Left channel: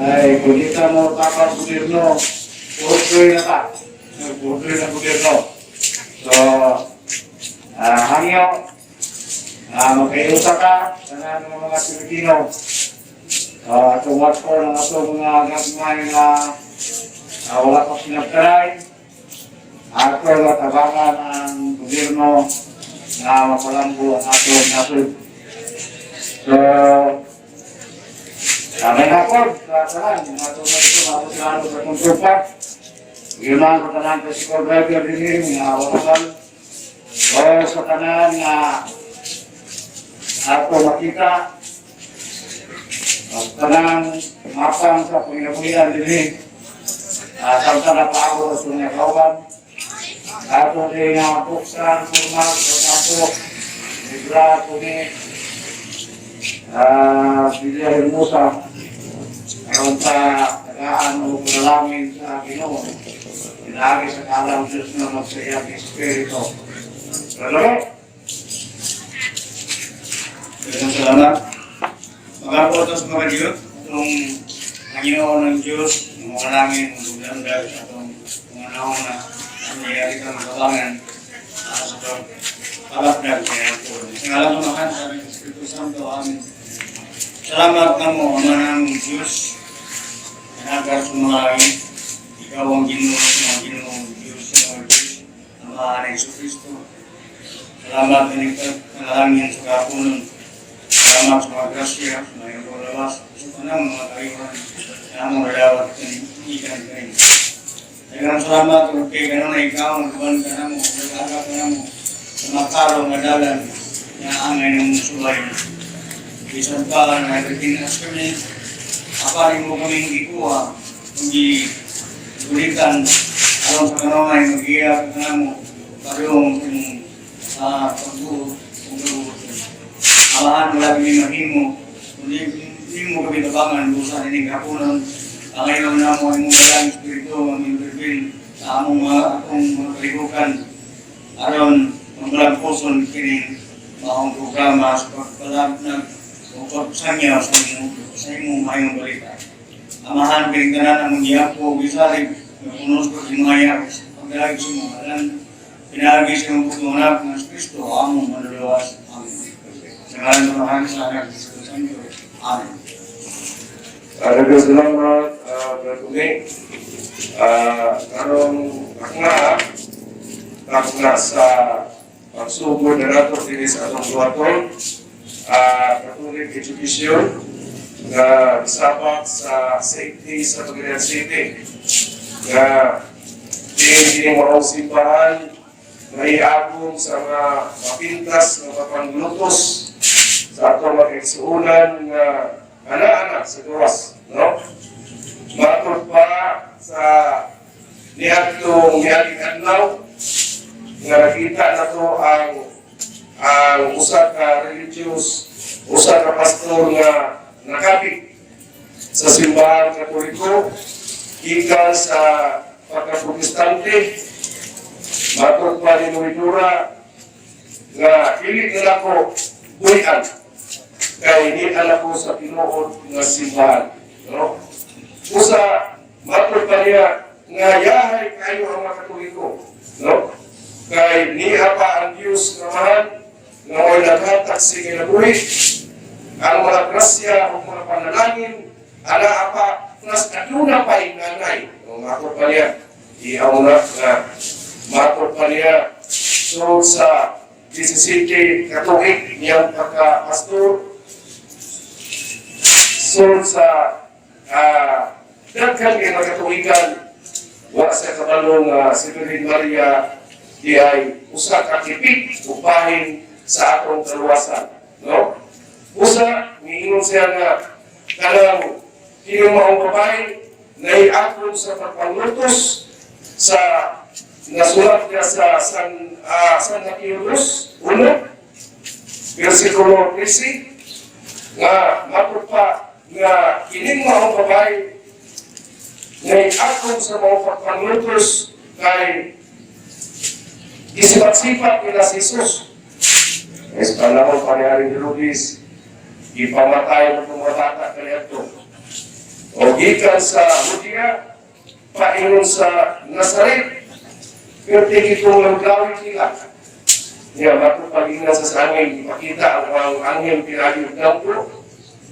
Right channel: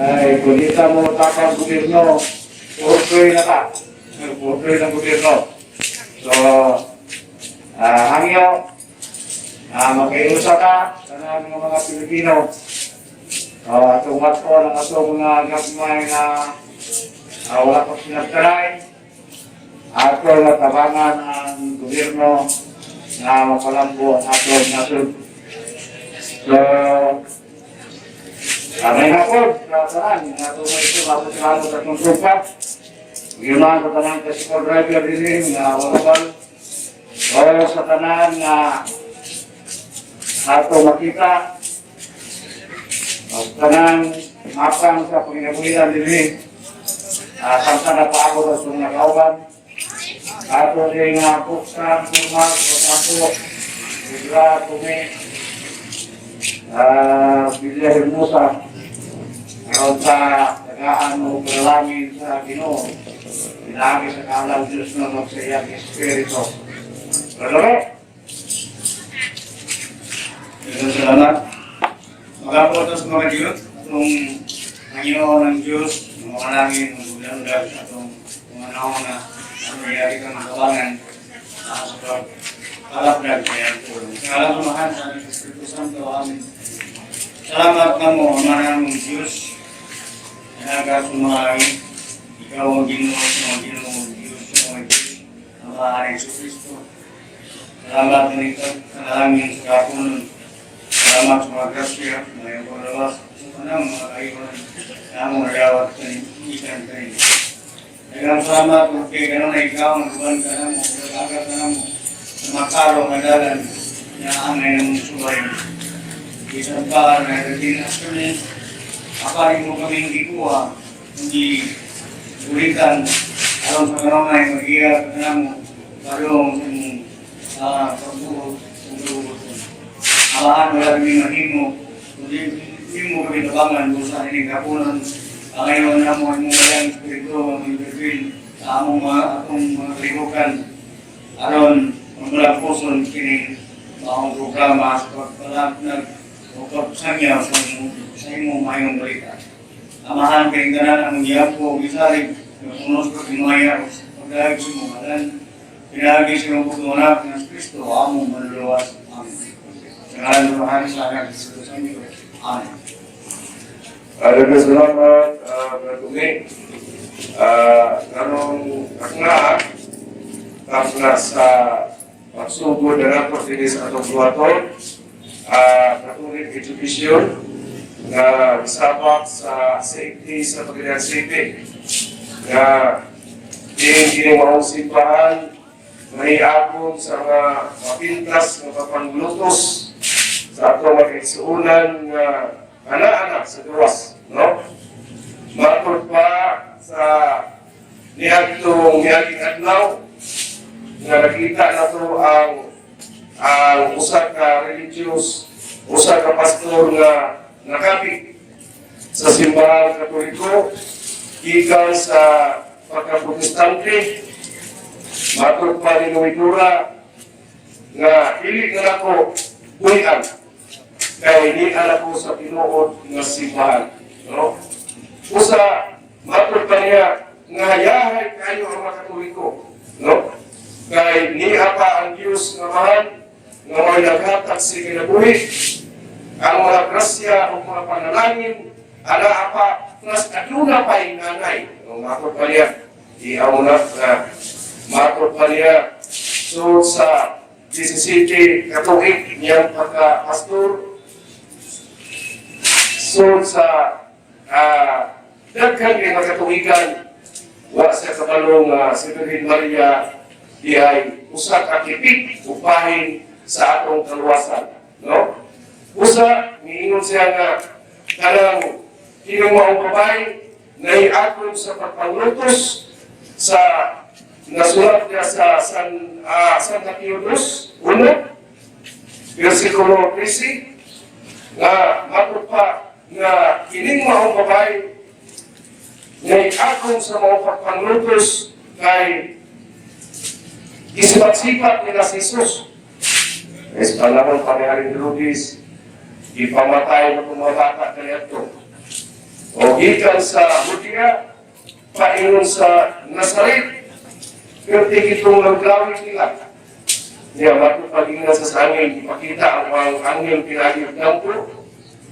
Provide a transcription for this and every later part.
Ay, kung di ka mo tapang gobyerno, portray na ka. Portray ng gobyerno. So, hangyo, magkaiusa ka sa mga Pilipino. Tungkol ko ng ato mga gagmay na wala pa sinagtaray. Ato na tabangan ng gobyerno na mapalambo ang ato nasod. So, may nakod, saan, ato na ito, ato sa kong trupa. Ginawa ko tanan sa school driver din, na wakabal. O sa tanan na ato makita. O tanan, mapang sa panginabuhilan din. Samsa na pa ako sa mga kauban. Ato din na buksan, turmat, o Ibra, Tumi, Bilya Hermosa, aron sa tagaan o kalangin sa Ginoo, inaagi sa kalaw Diyos na magsayang Espiritu. Salamat! Salamat. Magapotos mga Diyos, itong Panginoon ng Diyos, ng mga kalangin, ng buglandag, at itong mga naon na nangyayari ka ng kabangan sa pagpalapdag kaya po. Sa ngalan ng Mahal sa Espiritu Santo, amin. Salamat na mo, Ama ng Diyos, nanagar sa mga langit, ikaw ang Ginoo, mga Ginoo, Diyos, mga Diyos, ang Mahal ng Kristo. Salamat din ito, kanalangin sa kapunan. Salamat sa mga grasya, sa mga paglawas, sa tanang mga kayuhan, na among nadawat ikan ka rin. Dagang salamat kung kay ganun na ikaw, nagban ka na mo, nag-aga ka na mo, sa makarong adalan, na angay ng sulay. Isang pa na nagkinas kami, aparin mo kaming ikuha, hindi ulitan, alam sa kanamay, mag-iyak ka na mo, parong sa pagbuhot, amahan wala kami mahimo, kundi hindi mo kami tabangan, busan ining kapunan, ang ngayon na mo, ang mga Espiritu, ang intervene sa among mga kalikukan, aron magmalang puson kining maong programa sa pagpalapnag o pagsanyaw sa imong mayong balita. Amahan kining tanan ang giyapo, gisalig, napunos ko kimaya, pagdahig sa mga halan, pinahagi sa mga putunak ng Kristo, among manluluwas. Amen. Sa ngalan ng Mahal sa Anak Kristo Santo. Amen. Salamat, Bertumi. Karong kakna sa pagsugod na nato dili sa atong buhaton, Catholic Education na sabak sa safety sa Pagilian City na hindi maong simbahan na iagong sa mga mapintas na kapanglutos sa atong mga igsuunan nga anak-anak sa duwas, no? Matod pa sa niaging adlaw nga nakita na to ang usa ka religious, usa ka pastor nga nakapit sa simbahan Katoliko gikan sa pagka-protestante. Matod pa ni Noidura nga dili na ako buhian kay hindi anak ko sa tinuod nga simbahan. No? Usa, matod pa niya nga yahay kayo ang mga Katoliko. No? Kay niya pa ang Diyos nga mahal nga mo'y naghatag sa kinabuhi ang mga grasya o mga panalangin ala pa plus aduna pa yung nanay. No? Matod pa niya iyaw na matod pa niya so sa 17 Katolik niyang pagka-pastor so sa daghan ng Katolikan wa sa kabalong si Virgin Maria di ay usa ka tipik upahin sa atong kaluwasan, no? Usa miingon siya nga kanang kining maong babae naiagom sa pagpanglutos sa nasulat niya sa San Theodoros 1 versikulo 13 nga matupa nga kining maong babae naiagom sa mga pagpanglutos kay isipat-sipat nila si Jesus. Es panahon pa ni Haring Herodes, ipamatay na mga bata kaya ito. O gikan sa Judea, paingon sa Nazaret, pero itong nagawin nila. Nga matupagin sa angel, ipakita ang angel pinagiyog ng po,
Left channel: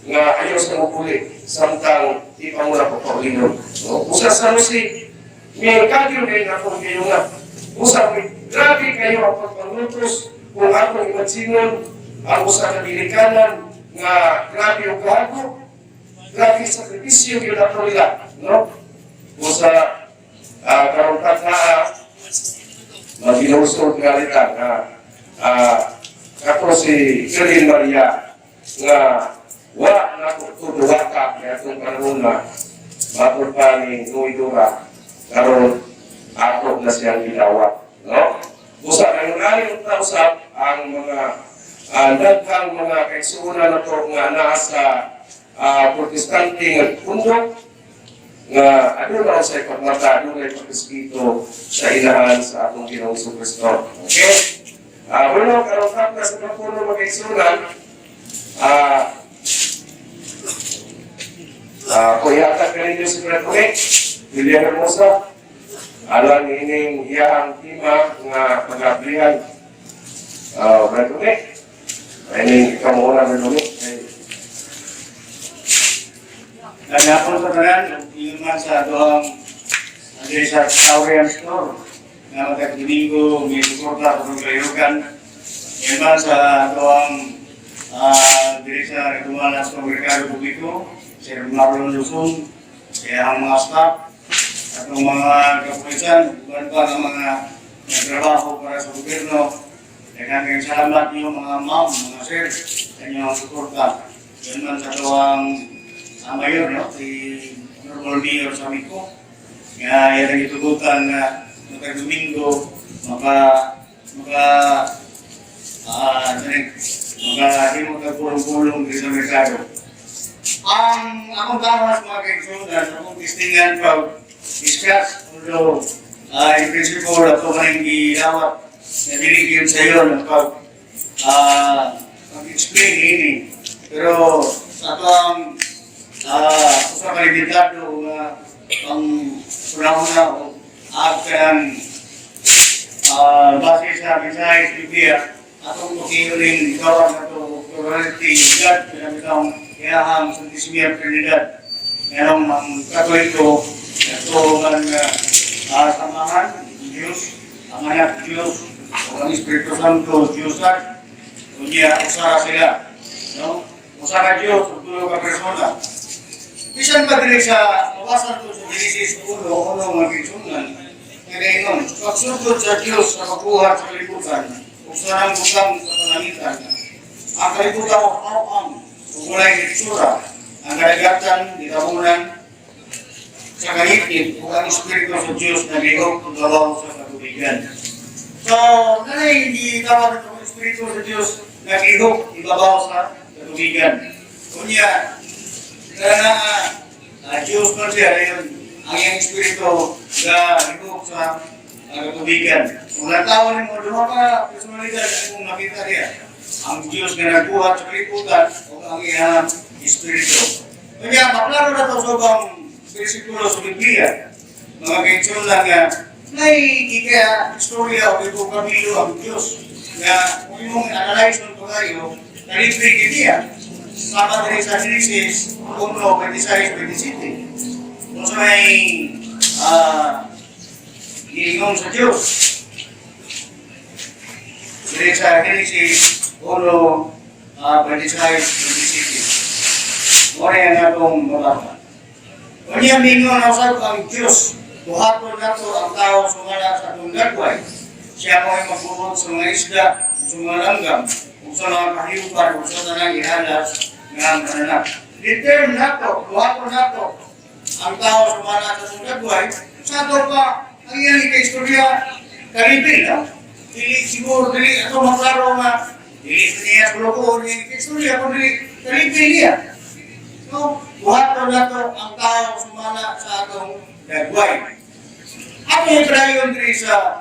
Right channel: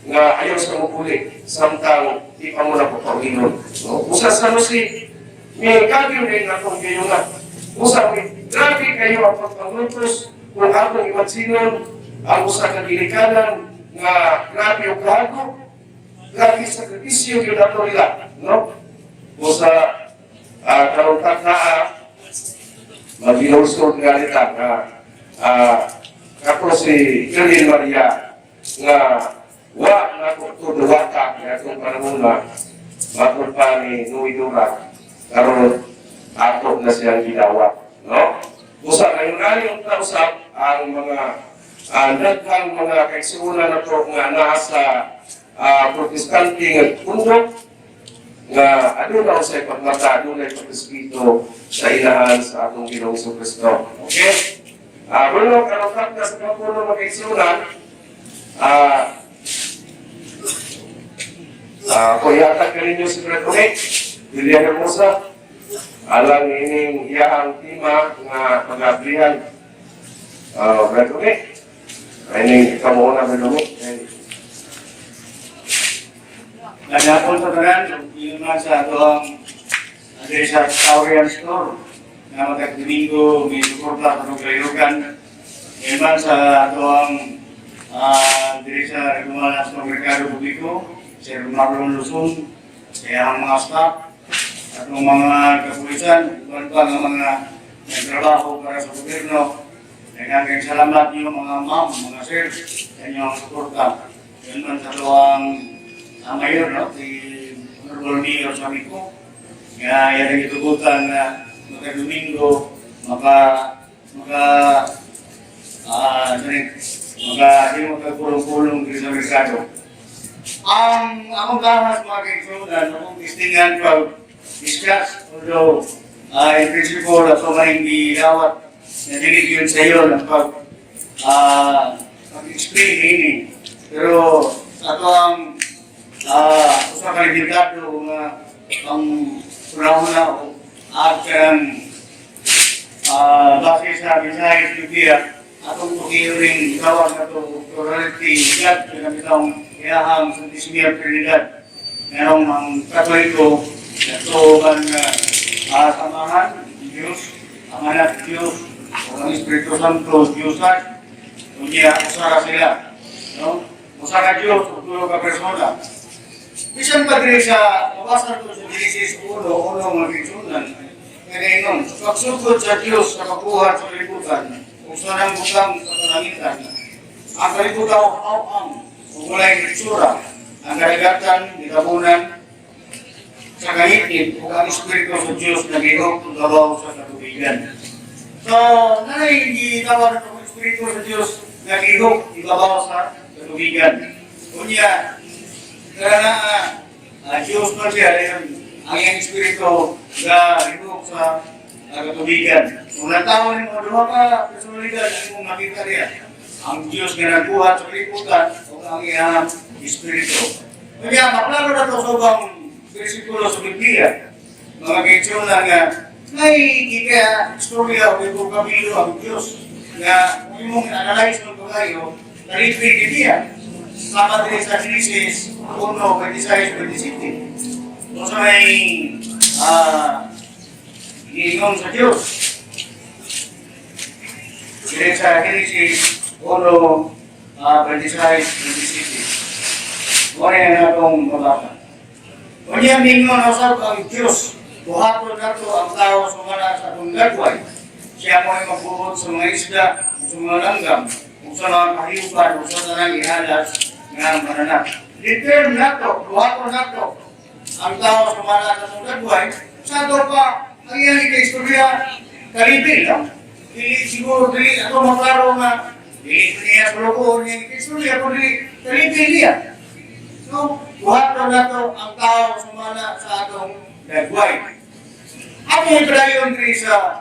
nga ayaw sa mukuli, samtang di pa muna po paulingon. Usa sa si may kagyo rin akong kayo nga. Usa, grabe kayo ang pagpangutos kung akong imansinon, ang usa ka dilikanan, nga grabe yung kahago, grabe sa sakripisyo yun ako nila. No? Usa, karong tataa, mag-inosod nga nila nga ako si Virgin Maria nga wa na ko tuduwata kaya itong panahon na matod pa ni Nuidura karon ako na siyang gilawat. No? Busa na yung tausap ang mga daghang mga kaigsuonan na to nga nasa protestante nga tundok nga ano daw sa ipagmata, ano na ipag-espiritu sa inahan sa atong Ginoong Kristo. Okay? Bueno, karong kapla sa kapuno mga kaigsuonan, kuyata ka ninyo si Brad Umek, Lilian Hermosa, alang ining iyahang tima nga pag-abrihan. Brad Umek, ining ikamuuna Brad Umek. Nagapon sa tanan, yung man sa doang sa Taurian Store, na matag-Domingo, may suporta sa itong kayugan. Yung man sa doang diri sa Regular sa Merkado Publiko, si Marlon Luzon, siya ang mga staff, at ng mga kapulisan, iban pa ng mga nagtrabaho para sa gobyerno. Nagkaking salamat niyo mga ma'am, mga sir, sa inyong suporta. Yun man sa doang mayor, no? Si Honorable Mayor Samiko, nga yan ang itubutan na magka-Domingo, hindi magkagulong-gulong dito sa merkado. Ang akong gamas mga kaigsunan, akong distingan pag-discuss, although in principle, ako maring gilawat na diligyan sa iyo na pag-explain ini. Pero sa ito ang usa ka limitado nga ang una-una o akan base sa mensahe Biblia atong tukirin gawa na ito plurality God pinagitang ihahang Santismia Trinidad ngayon ang Katoliko ito ang samahan Diyos, ang anak Diyos ang Espiritu Santo Diyos at kunya usara sila no? Usara Diyos o tulog ka persona. Bisan pa diri sa mabasa ko sa Genesis 1, mga kisunan, nagaingon, pagsugod sa Diyos sa kabuhat sa kalibutan, kung saan ang butang sa kalangitan, ang kalibutan o ang walay itsura, ang karagatan, ditabunan, sa kahitid, kung ang Espiritu sa Diyos na gayong tudawaw sa katubigan. So, nanay hindi tawag ng Espiritu sa Diyos na gayong ibabaw sa katubigan. Kunya, karena Diyos pa siya rin ang iyang espiritu na libog sa katubigan. Kung natawag mo, doon ka personalidad kung nakita niya ang Diyos na nagbuhat sa kalibutan o ang iyang espiritu. Kaya maklaro na ito sa ubang bersikulo sa Biblia. Mga kaitsyon lang nga, kaya istorya o ibang kabilo ang Diyos na kung mong analyze ng pagayo, nalipig niya. Sama din sa Genesis 1:26-27. Kung sa may giingon sa Diyos. Dire sa Genesis 1:26-27. Muna yan atong mabaka. Kung yan mingon na usap ang Diyos, buhaton nato ang tao sumala sa atong gagway. Siya mo ay magbuhot sa mga isda, sa mga langgam, kung sa mga kahiyupan, kung sa nang ihalas ng mananak. Determ nato, buhaton nato ang tao sumala sa atong gagway. Sa ito pa, ang iyang ika-istorya, karibin, no? Siguro, dili, ito maklaro nga, dili niya kulukoon niya ika-istorya, kung dili, karibin niya. So, buhaton nato ang tao sumala sa atong gagway. Ako yung trayon diri sa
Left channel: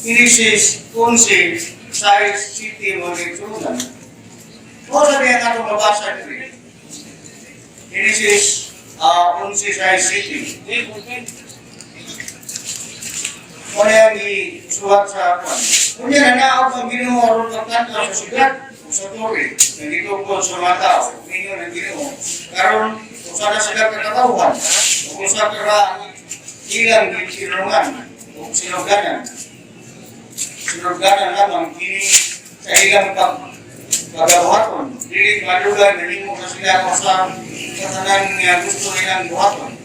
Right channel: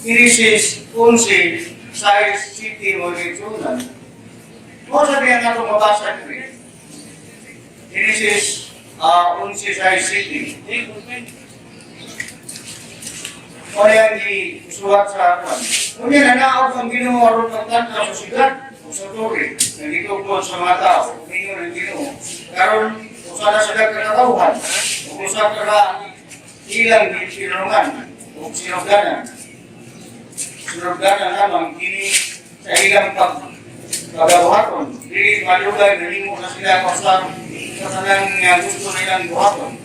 Genesis 11, size city mo rin. O sabihin nato mabasa diri. Genesis 11 City. O yan, isuwat sa kwan. O yan, nanaog ang Ginoo aron pagtanto sa sigat o sa tubig. Nandito po sa mga tao, umingon ang Ginoo. Karon, kung sana sigat na katauhan, o kung sa kara ilang sinungan o sinugdanan. Sinugdanan lamang, kini sa ilang pagkabuhaton. Dili malugay, nanimo na sila kung sa katanang gusto nilang buhaton.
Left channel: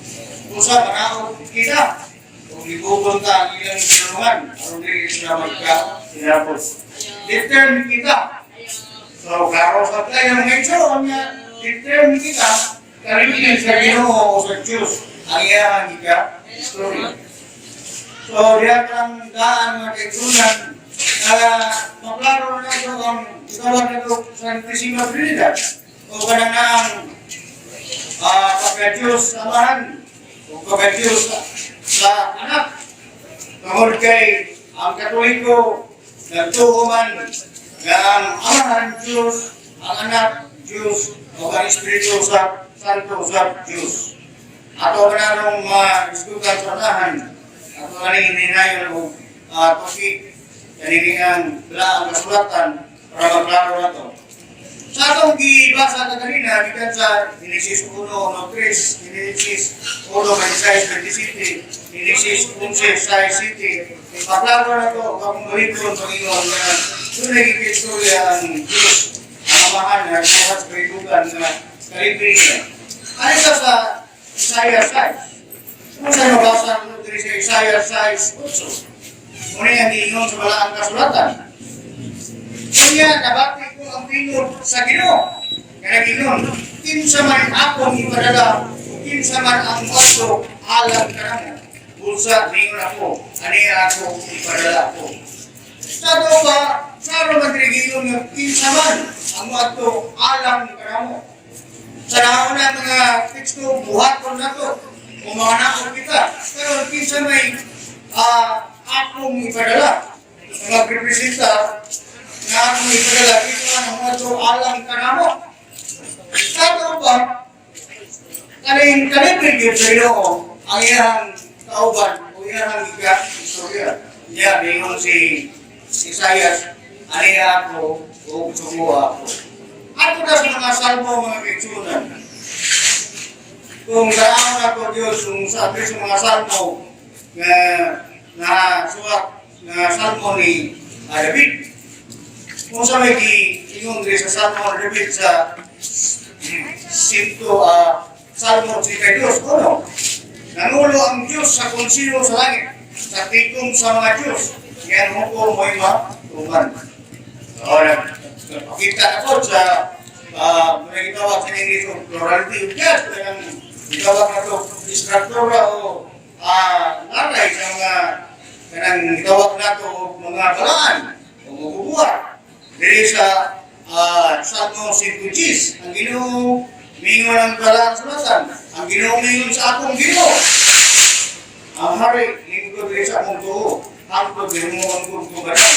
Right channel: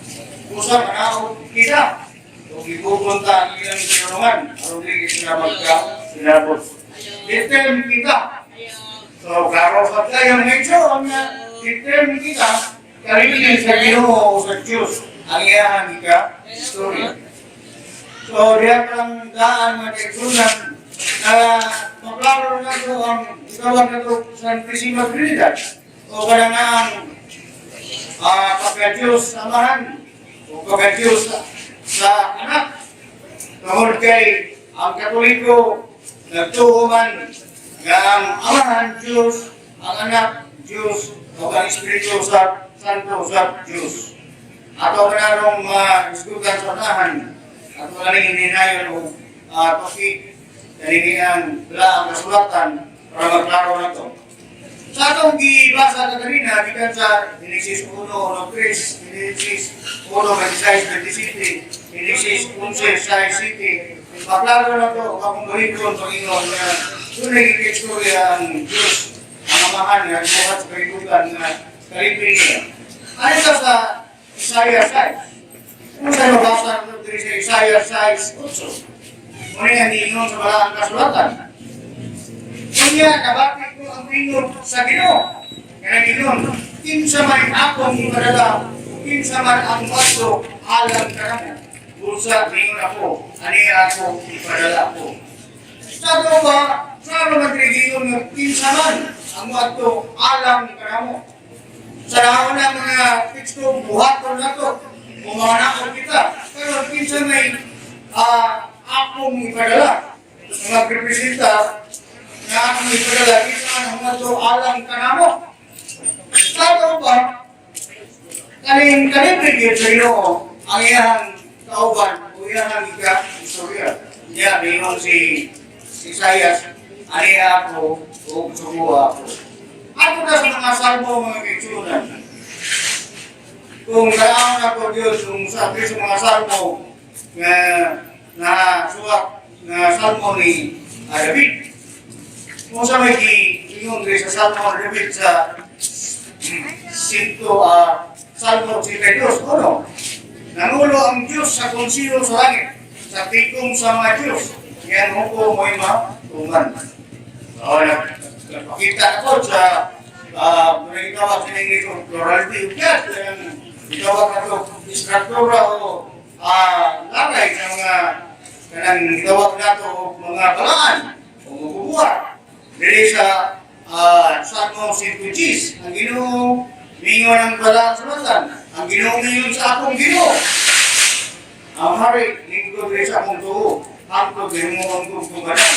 Kung sa manaog kita, kung ipupunta ang ilang sinungan, aron dili sila magka-sinabot. Determine kita. So, karo sa tayo mga ito, determine kita, kalibin sa Ginoo o sa Diyos, ang iyahan ika, story. So, diyan parang daan mga kaitunan, maklaro na ito ang itawag na ito sa Santísima Trinidad, o parang na ang pagka-Diyos amahan, o pagka-Diyos sa anak. Tungkol kay ang Katoliko, nagtuo man na ang amahan Diyos, ang anak Diyos, o ang Espiritu Santo sa Diyos. Ato manarong isgugan sa unahan, ato galing hininayon o topic, galing ang laang kasulatan para maklaro na ito. Sa atong gibasa na kanina, gikan sa Genesis 1:3, Genesis 1:26, Genesis 11:6, maklaro na ito, kapong baliton, Panginoon, na tunay ikistorya ang Diyos, ang amahan, na buhat sa kalitugan na kalipin niya. Ano ito sa Isaiah 6? Kung saan mabasa ito sa Isaiah 6:8? Muna yung hiingon sa malaang kasulatan. Kunya, nabati ko ang tingog sa Ginoo. Kaya gingon, kinsa man akong ipadala, kinsa man ang wasto, alam ka na mo. Bulsa, ringon ako, aniya ako, ipadala ako. Sa ito ba, sa romantrigiyon ng kinsa man ang wasto, alam ka na mo. Sa nauna mga teksto, buhaton na ito, o mga naon kita. Pero kinsa may akong ipadala, na magrepresenta na akong ipadala, kinsa man ang wasto, alam ka na mo. Sa ito ba, kaning kalibig sa Ginoo ang iyang kauban o iyang istorya. Niya, mayroon si Isaias, aniya ako o sumuha ako. Ano na sa mga salmo, mga kaitsunan? Kung kailangan na ito Diyos, kung sabi sa mga salmo na suwat na salmo ni David, kung sa may ingon sa salmo ni David sa Salmo 32, ano? Nangulo ang Diyos sa konsiyo sa langit, sa tikom sa mga Diyos, yan hukom mo'y matuman. So, nakita na po sa muna gitawag sa English o plurality of God, kaya gitawag na ito, istruktura o naray sa mga kanang gitawag na ito mga balaan o mabubuhat. Dili sa Salmo 110, ang Ginoo mingon ang balaan sa matan, ang Ginoo mingon sa akong Ginoo. Ang hari, lingkod rin sa akong tuho, hangtod rin mo ang tugtuganan.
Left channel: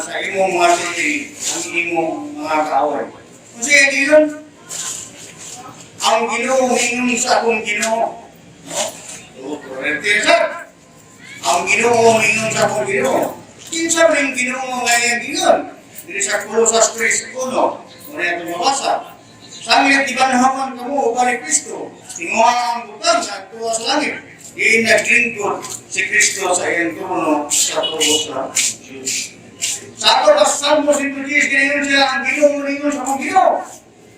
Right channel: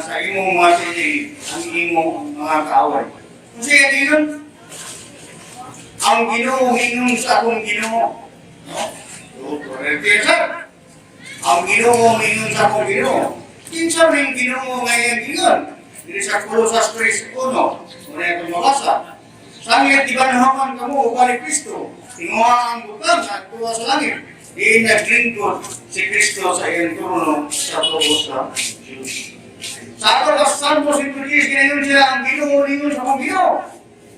Sa imong mga sili, ang imong mga kaaway. Kung siya yun, ang Ginoo mingon sa akong Ginoo. Ang Ginoo mingon sa akong Ginoo. Kinsa rin Ginoo ngayon gingon? Dili sa Kolosas 3:1, muna itong mabasa. Sanglit ibanhaman kamo ugali Kristo, tinguha ang butang at tuwa sa langit. Di naglingkod si Kristo sa iyang trono sa tubo sa Diyos. Sa ato ka sa Salmo 110, ginayon siya ang Ginoo ningon sa akong Ginoo.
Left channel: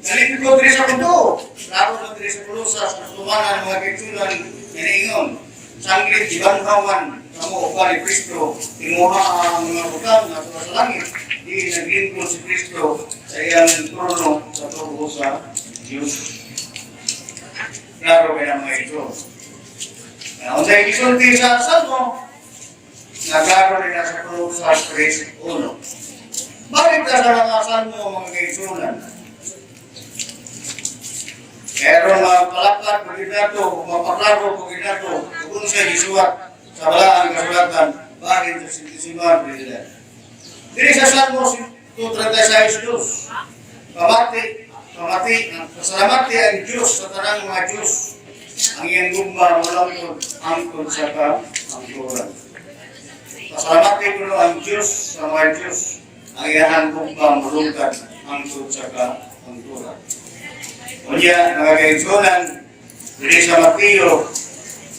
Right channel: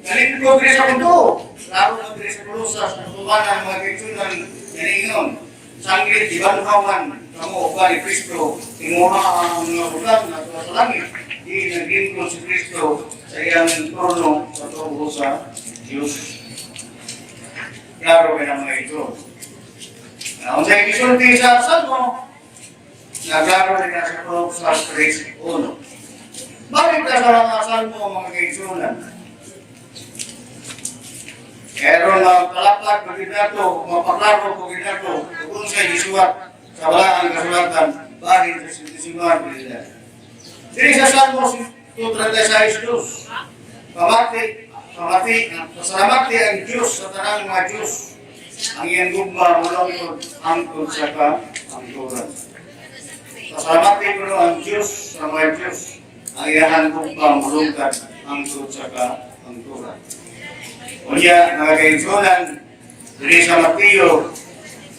Nalingkod rin sa kundo. Laro na rin sa Kolosas, natubanan mga kaitsunan, ginayon. Sanglit ibanhaman kamo ugali Kristo, tinguha ang mga butang at tuwa sa langit. Di naglingkod si Kristo sa iyang trono sa tubo sa Diyos. Klaro kaya mga ito. Kung sa'yo isulti sa Salmo, naglaro rin na sa Kolosas 3:1. Balik ka sa mga Salmo, mga kaitsunan. Pero magpalapad ko din nato, magpaklaro ko din nato, kung sa'yo isuwat sa balaan kasulatan, bahin sa Santísima Trinidad. Diri sa Salmo 2:36, pamati, pasalamati ang Diyos sa tanang mga Diyos. Ang iyang gugma mula angkod sa kaangkuran. Pasalamati ko ang Diyos sa mga Diyos. Ang iyang gugma mulungkad angkod sa kaangkuran. Unya, mga kaigsunan, diri sa Mateo,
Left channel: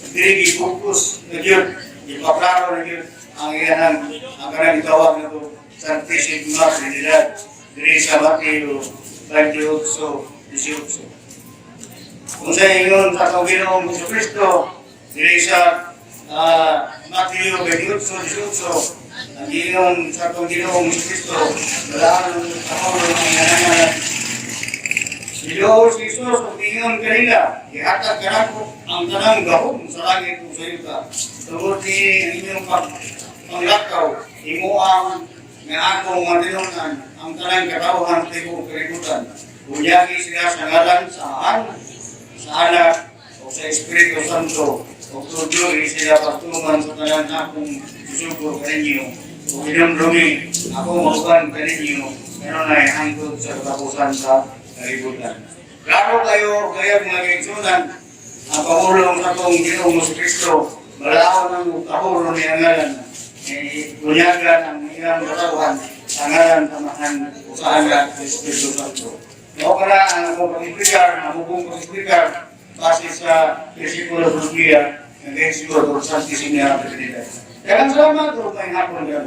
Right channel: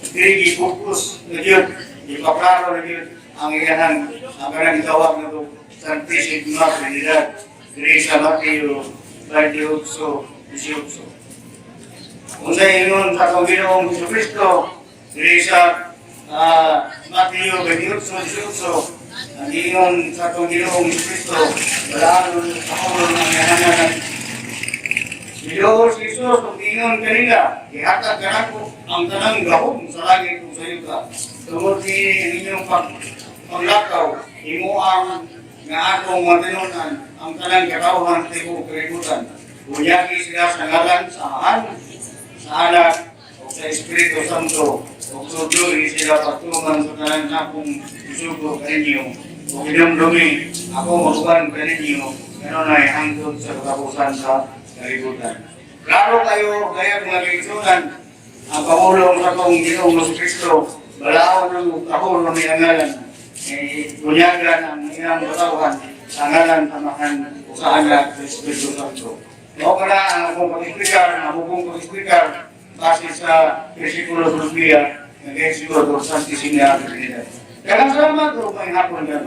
diri gifokus na Diyos, ipaklaro na Diyos ang iyang ang kanang itawag na ito, Santisima Trinidad, diri sa Mateo 28:18. Kung sa inyon sa Panginoong Jesucristo, diri sa Mateo 28:18, ang inyon sa Panginoong Jesucristo, balaan ako ng nangyananan. Ilo si Jesus, kung ingon kanina, ihatag ka na ko ang tanang gahom sa langit kung sa iyo ka. Tungod ni inyong panglakaw, imo ang nga akong matinunan, ang tanang katawhan sa tibo kalimutan. Bunyagi sila sa ngalan sa Anak o sa Espiritu Santo, o tuloy sila pagtulungan sa tanang akong isugo kaninyo, o kinumdumi ako mauban kaninyo, meron ay hangtod sa katapusan sa kalibutan. Klaro kayo mga kaigsunan, ang pamulong sa kong Ginoong Jesucristo, balaon ng tahuro ni Angalan, bunyagan ang ilang katawan, Angalan, Samahan, Usahan at Espiritu Santo. O pala ang akong pag-isplikar, ang akong pag-isplikar, base sa Versikulo Biblia, ng Versikulo Santisima Trinidad. Kaya salamat o may hapon na